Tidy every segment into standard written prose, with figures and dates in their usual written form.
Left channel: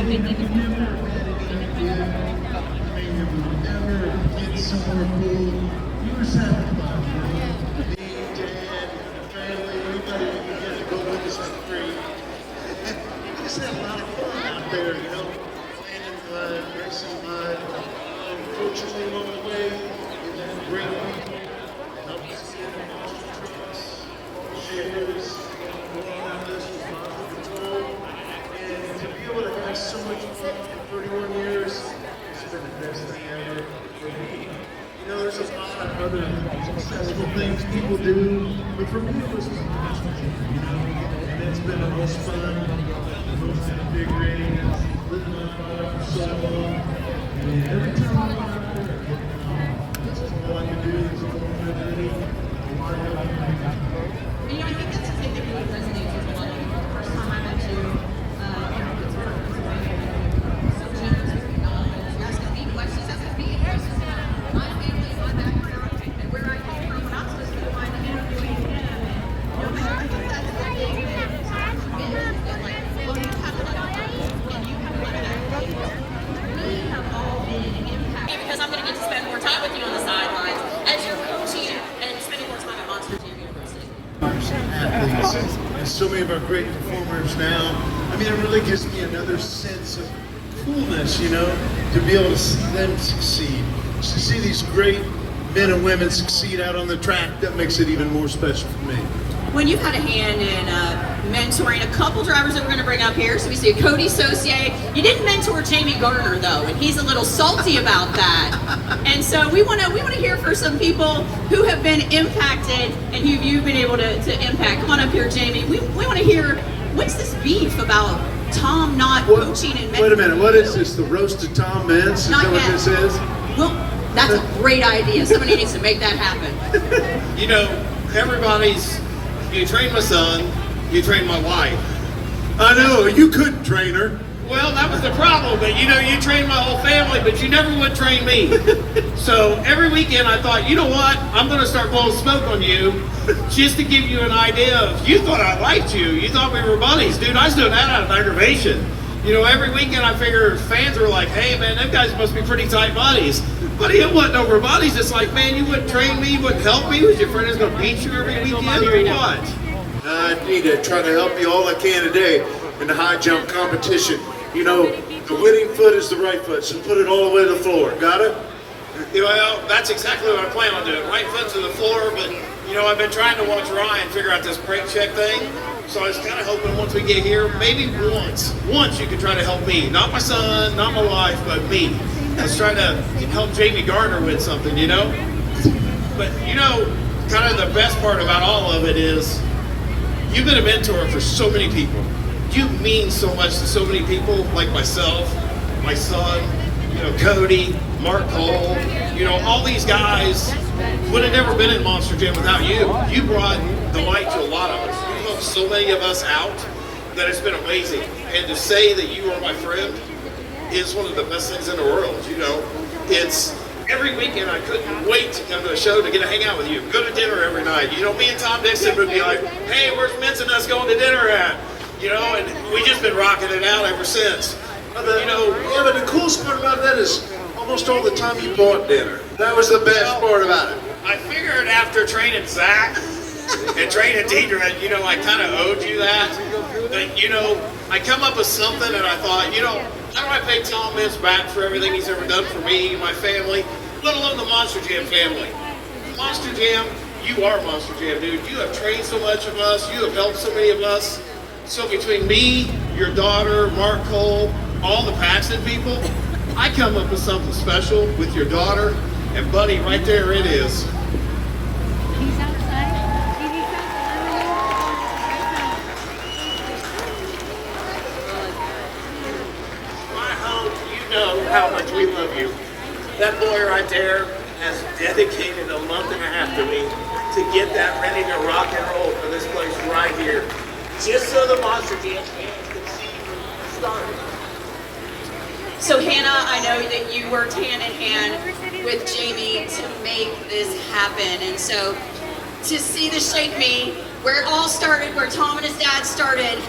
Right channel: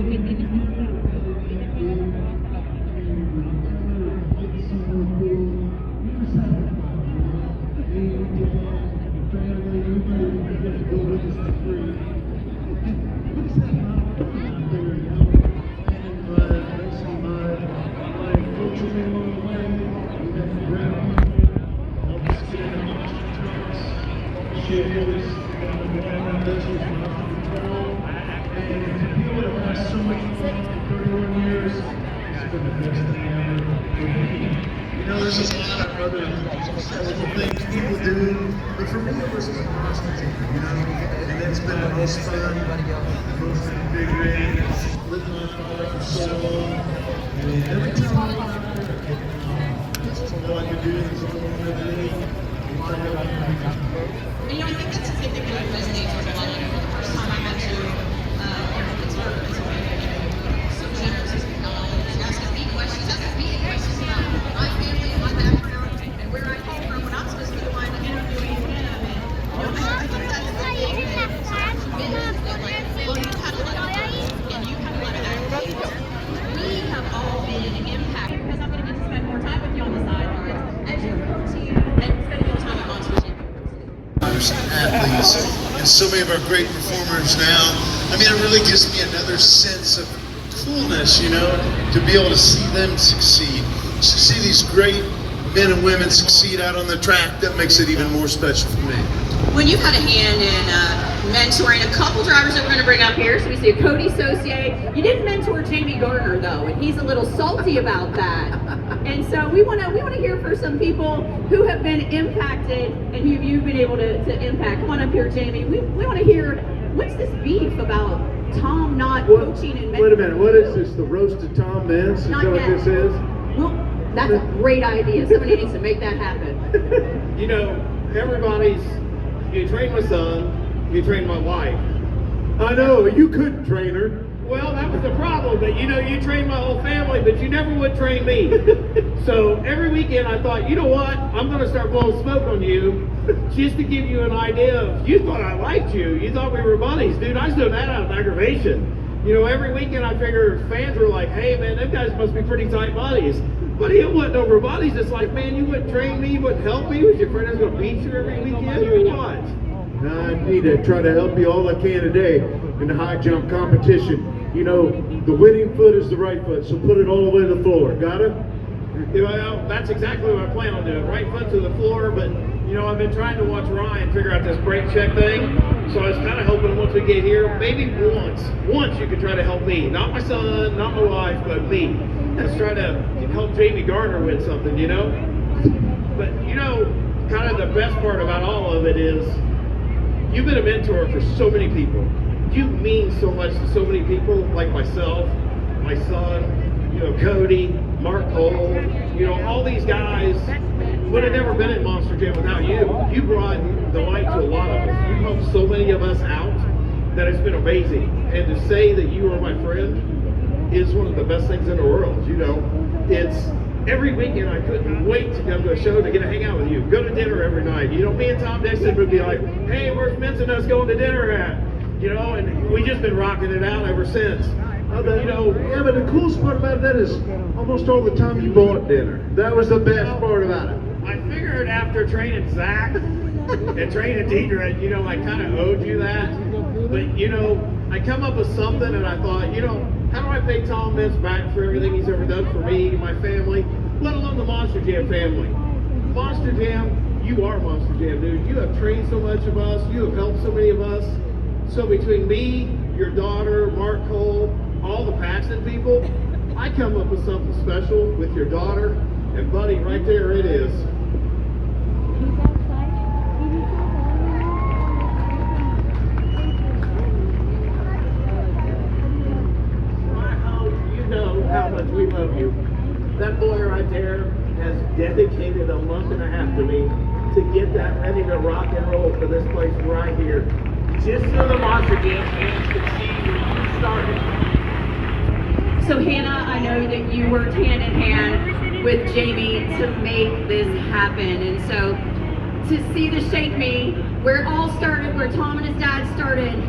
Get somewhere cool. You just have fun. Me, Dad, the family, everybody, you get to go with us for free. We just had a lot of fun out there, you know. Playing in mud, racing mud, playing coaches along the way. We've had great people help us get in our monster trucks, shippers, around us with monster control. And to be able to have so much fun for 31 years, it's been the best thing ever for me. You know, there's a lot of other skeletal things people do, but for me it was the monster team, you know, and that's been the most fun, the most invigorating, lit my fire for so long, and every time I go out there, I get that's all I can do is go on every day. And I think that's something that really resonates with a lot of people. The first time I met you, Pittsburgh, Pennsylvania, so generous as acknowledged, asking me questions about my family and my background and where I came from when I'm supposed to be the one interviewing him. And I think that's the thing that sometimes forgets that, like, well, you have a lot of fun and you have a lot of activities. We have all been impacted because I'm going to get to spend more time with you on the sidelines as you're coaching and spending more time at Monsters University. Athletes and so many of our great performers now. I mean, it really gives me another sense of coolness, you know, to be able to see them succeed. To see these great men and women succeed out on the track, that makes it even more special for me. When you've had a hand in mentoring a couple drivers that we're going to bring up here, so we see Cody Saucier. You didn't mentor Jamie Garner though, and he's a little salty about that. And so we want to hear from some people who have been impacted and who you've been able to impact. Come on up here, Jamie. We want to hear, what's this beef about Tom not coaching and mentoring? Wait a minute, what is this? The roast of Tom Meents? Is that what this is? Well, that's a great idea. Somebody needs to make that happen. You know, you train my son, you train my wife. I know, you couldn't train her. Well, that was the problem, but you know, you trained my whole family, but you never would train me. So every weekend I thought, you know what, I'm gonna start blowing smoke on you, just to give you an idea of, you thought I liked you, you thought we were buddies. Dude, I was doing that out of aggravation. You know, every weekend I figured fans were like, hey man, them guys must be pretty tight buddies. But it wasn't over buddies. It's like, man, you wouldn't train me, you wouldn't help me. Was your friend is going to beat you every weekend or what? I need to try to help you all I can today in the high jump competition. You know, the winning foot is the right foot, so put it all the way to the floor. Got it? Well, that's exactly what I plan on doing. Right foot to the floor, but you know, I've been trying to watch Ryan figure out this brake check thing. So I was kind of hoping once we get here, maybe once you could try to help me. Not my son, not my wife, but me. I was trying to help Jamie Gardner with something, you know? But you know, kind of the best part about all of it is you've been a mentor for so many people. You mean so much to so many people, like myself, my son, you know, Cody, Mark Cole, you know, all these guys would have never been in Monster Jam without you. You brought the light to a lot of us. You helped so many of us out that it's been amazing. And to say that you are my friend is one of the best things in the world, you know. It's every weekend I couldn't wait to come to a show to get to hang out with you, go to dinner every night. You know, me and Tom Dixon would be like, hey, where's Meents and us going to dinner at? You know, and we just been rocking it out ever since. You know, yeah, but the coolest part about that is almost all the time you bought dinner. That was the best part about it. I figured after training Zach and training Deidre, you know, I kind of owed you that. But, you know, I come up with something and I thought, you know, how do I pay Tom Meents back for everything he's ever done for me and my family, let alone the Monster Jam family? Monster Jam, you are Monster Jam, dude. You have trained so much of us. You have helped so many of us. So between me, your daughter, Mark Cole, all the Paxton people, I come up with something special with your daughter. And buddy, right there it is. He's outside. TV's I hope you know how much we love you. That boy right there has dedicated a month and a half to me to get that ready to rock and roll for this place right here. Just so the Monster Jam fans can see you started. So Hannah, I know that you worked hand in hand with Jamie to make this happen. And so to see the Shake Me, where it all started, where Tom and his dad started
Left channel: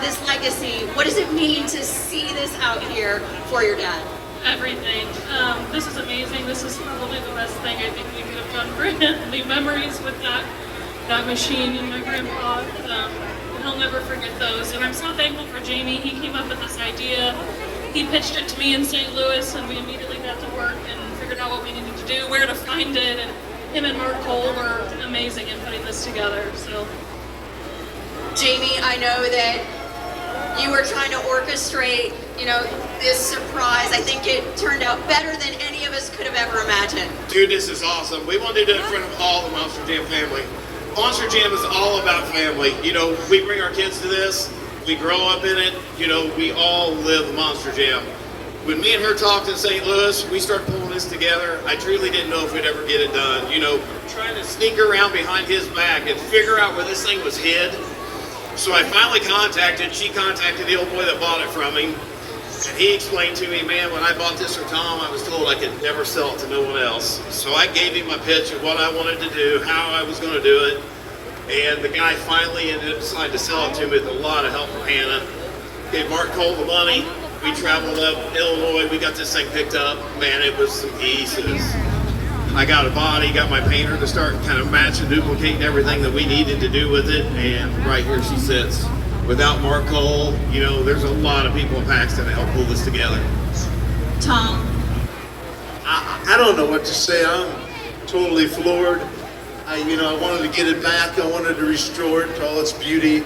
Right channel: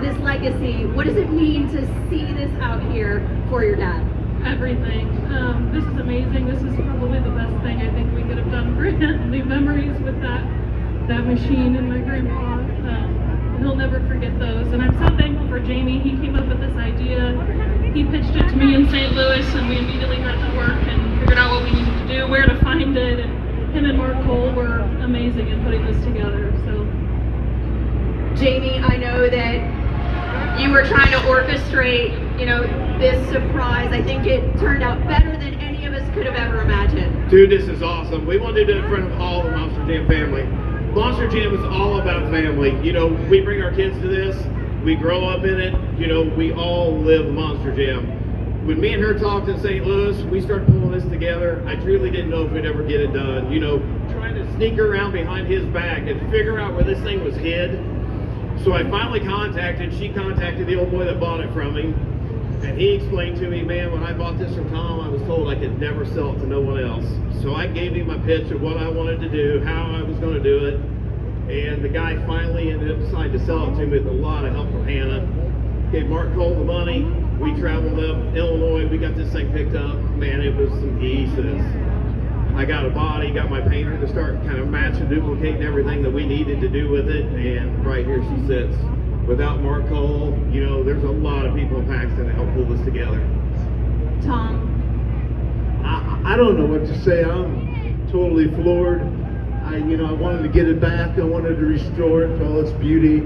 this legacy, what what does it mean to see this out here for your dad? Everything. This is amazing. This is probably the best thing I think we could have done for him. The memories with that machine and my grandpa, he'll never forget those. And I'm so thankful for Jamie. He came up with this idea. He pitched it to me in St. Louis, and we immediately got to work and figured out what we needed to do, where to find it. And him and Mark Cole were amazing in putting this together. So, Jamie, I know that you were trying to orchestrate, this surprise. I think it turned out better than any of us could have ever imagined. Dude, this is awesome. We wanted to do it in front of all the Monster Jam family. Monster Jam is all about family. We bring our kids to this. We grow up in it. We all live Monster Jam. When me and her talked in St. Louis, we started pulling this together. I truly didn't know if we'd ever get it done. Trying to sneak around behind his back and figure out where this thing was hid. So I finally she contacted the old boy that bought it from him. And he explained to me, man, when I bought this from Tom, I was told I could never sell it to no one else. So I gave him my pitch of what I wanted to do, how I was going to do it. And the guy finally decided to sell it to me with a lot of help from Hannah. Gave Mark Cole the money. We traveled up Illinois. We got this thing picked up. Man, it was some geese. I got a body, got my painter to start kind of match and duplicating everything that we needed to do with it. And right here she sits. Without Mark Cole, there's a lot of people in Paxton that help pull this together. Tom? I don't know what to say. I'm totally floored. I wanted to get it back. I wanted to restore it to all its beauty.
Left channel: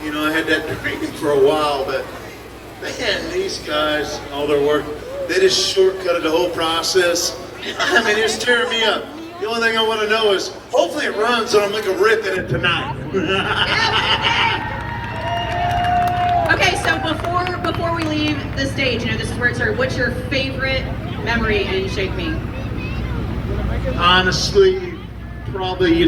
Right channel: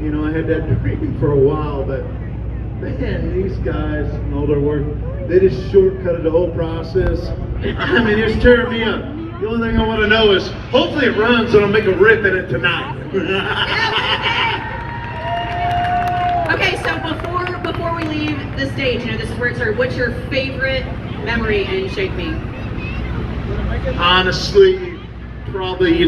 I had that dream for a while, but man, these guys and all their work, they just shortcutted the whole process. I mean, it's tearing me up. The only thing I want to know is, hopefully it runs and I'll make a rip in it tonight. Okay, so before we leave the stage, this is where it started. What's your favorite memory in Shake Me? Honestly, probably,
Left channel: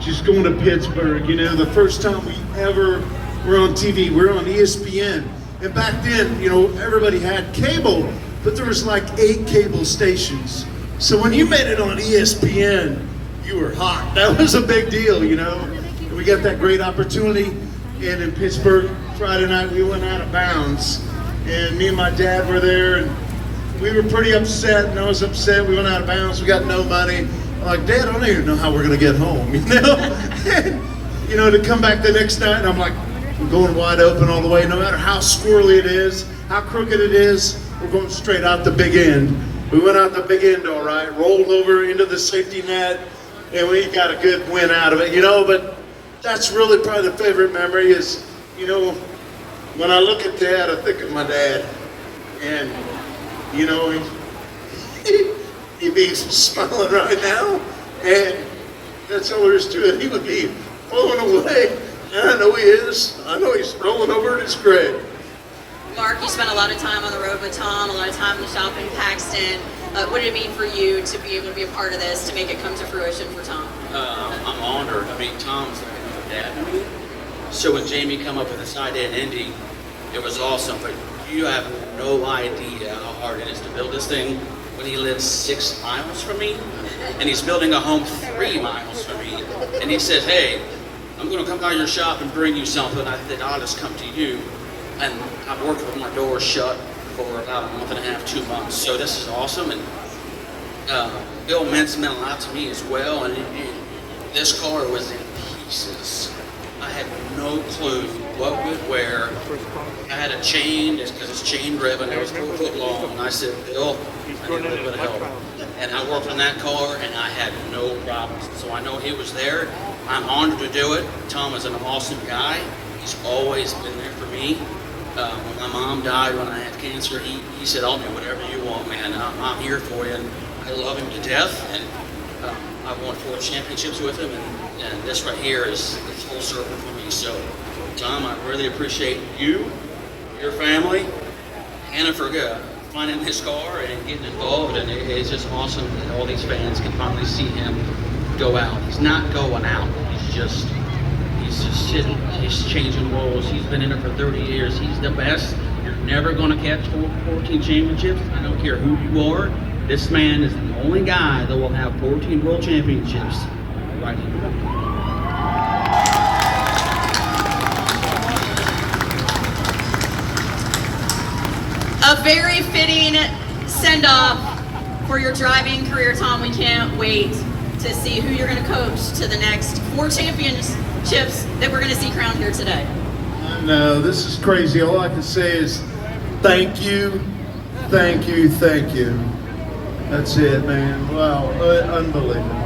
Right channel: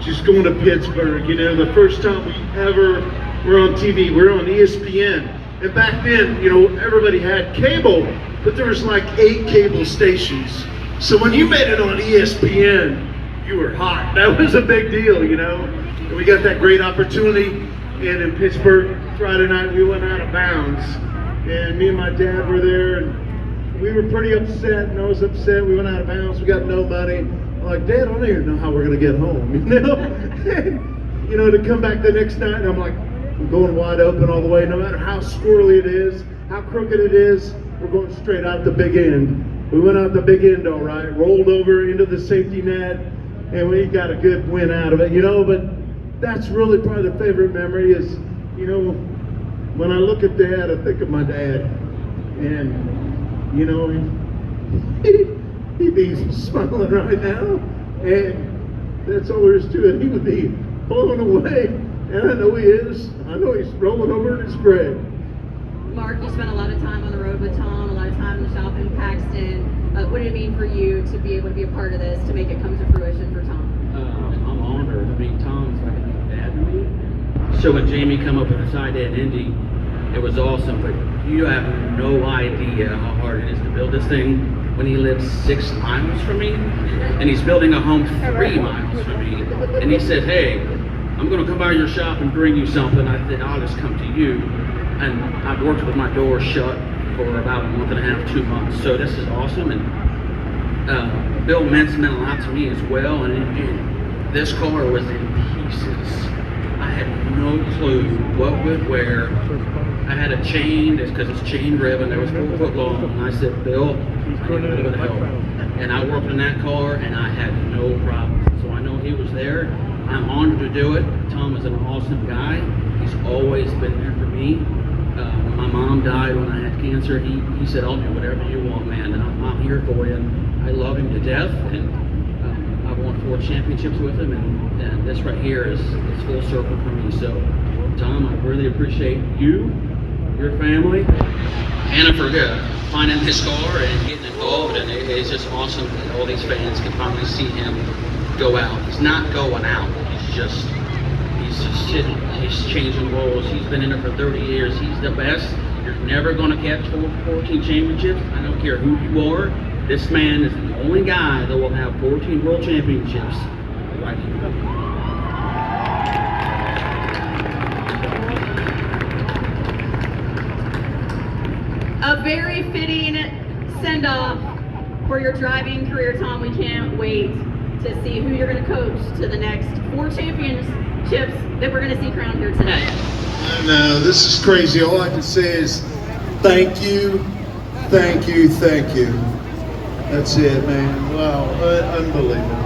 just going to Pittsburgh. The first time we ever were on TV, we were on ESPN. And back then, everybody had cable, but there was like 8 cable stations. So when you made it on ESPN, you were hot. That was a big deal, And we got that great opportunity. And in Pittsburgh, Friday night, we went out of bounds. And me and my dad were there, and we were pretty upset, and I was upset. We went out of bounds, we got no money. I'm like, Dad, I don't even know how we're gonna get home, And, to come back the next night, and I'm like, we're going wide open all the way. No matter how squirrely it is, how crooked it is, we're going straight out the big end. We went out the big end all right, rolled over into the safety net, and we got a good win out of it, But that's really probably the favorite memory is, when I look at Dad, I think of my dad. And, he'd be smiling right now. And that's all there is to it. He would be blown away. And I know he is. I know he's rolling over in his grave. Mark, you spent a lot of time on the road with Tom, a lot of time in the shop in Paxton. What did it mean for you to be able to be a part of this, to make it come to fruition for Tom? I'm honored. Tom's dad. So when Jamie come up with this idea in Indy, it was awesome, but you have no idea how hard it is to build this thing when he lives 6 miles from me, and he's building a home 3 miles from me, and he said, hey, I'm gonna come by your shop and bring you something. I said, I'll just come to you. And I've worked with my doors shut for about a month and a half, 2 months, so this is awesome. And Bill Meents meant a lot to me as well, and this car was in pieces. I had no clue what would wear. I had a chain, because it's chain driven, it was 4 foot long, and I said, Bill, I need a little bit of help. And I worked on that car, and I had no problems. So I know he was there. I'm honored to do it. Tom is an awesome guy. He's always been there for me. When my mom died when I had cancer, he said, I'll do whatever you want, man. I'm here for you. And I love him to death. And I've won 4 championships with him, and this right here is full circle for me. So, Tom, I really appreciate you, your family, Hannah for finding his car and getting involved. And it's just awesome that all these fans can finally see him go out. He's not going out. He's just sitting. He's changing worlds. He's been in it for 30 years. He's the best. You're never going to catch 14 championships. I don't care who you are. This man is the only guy that will have 14 world championships right here. A very fitting send-off for your driving career, Tom. We can't wait to see who you're going to coach to the next 4 championships that we're going to see crowned here today. I know, this is crazy. All I can say is thank you, thank you, thank you. That's it, man. Wow, unbelievable.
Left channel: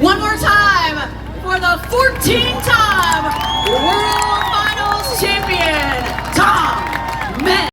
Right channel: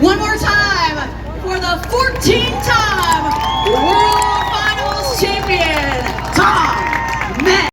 One more time for the 14-time World Finals champion, Tom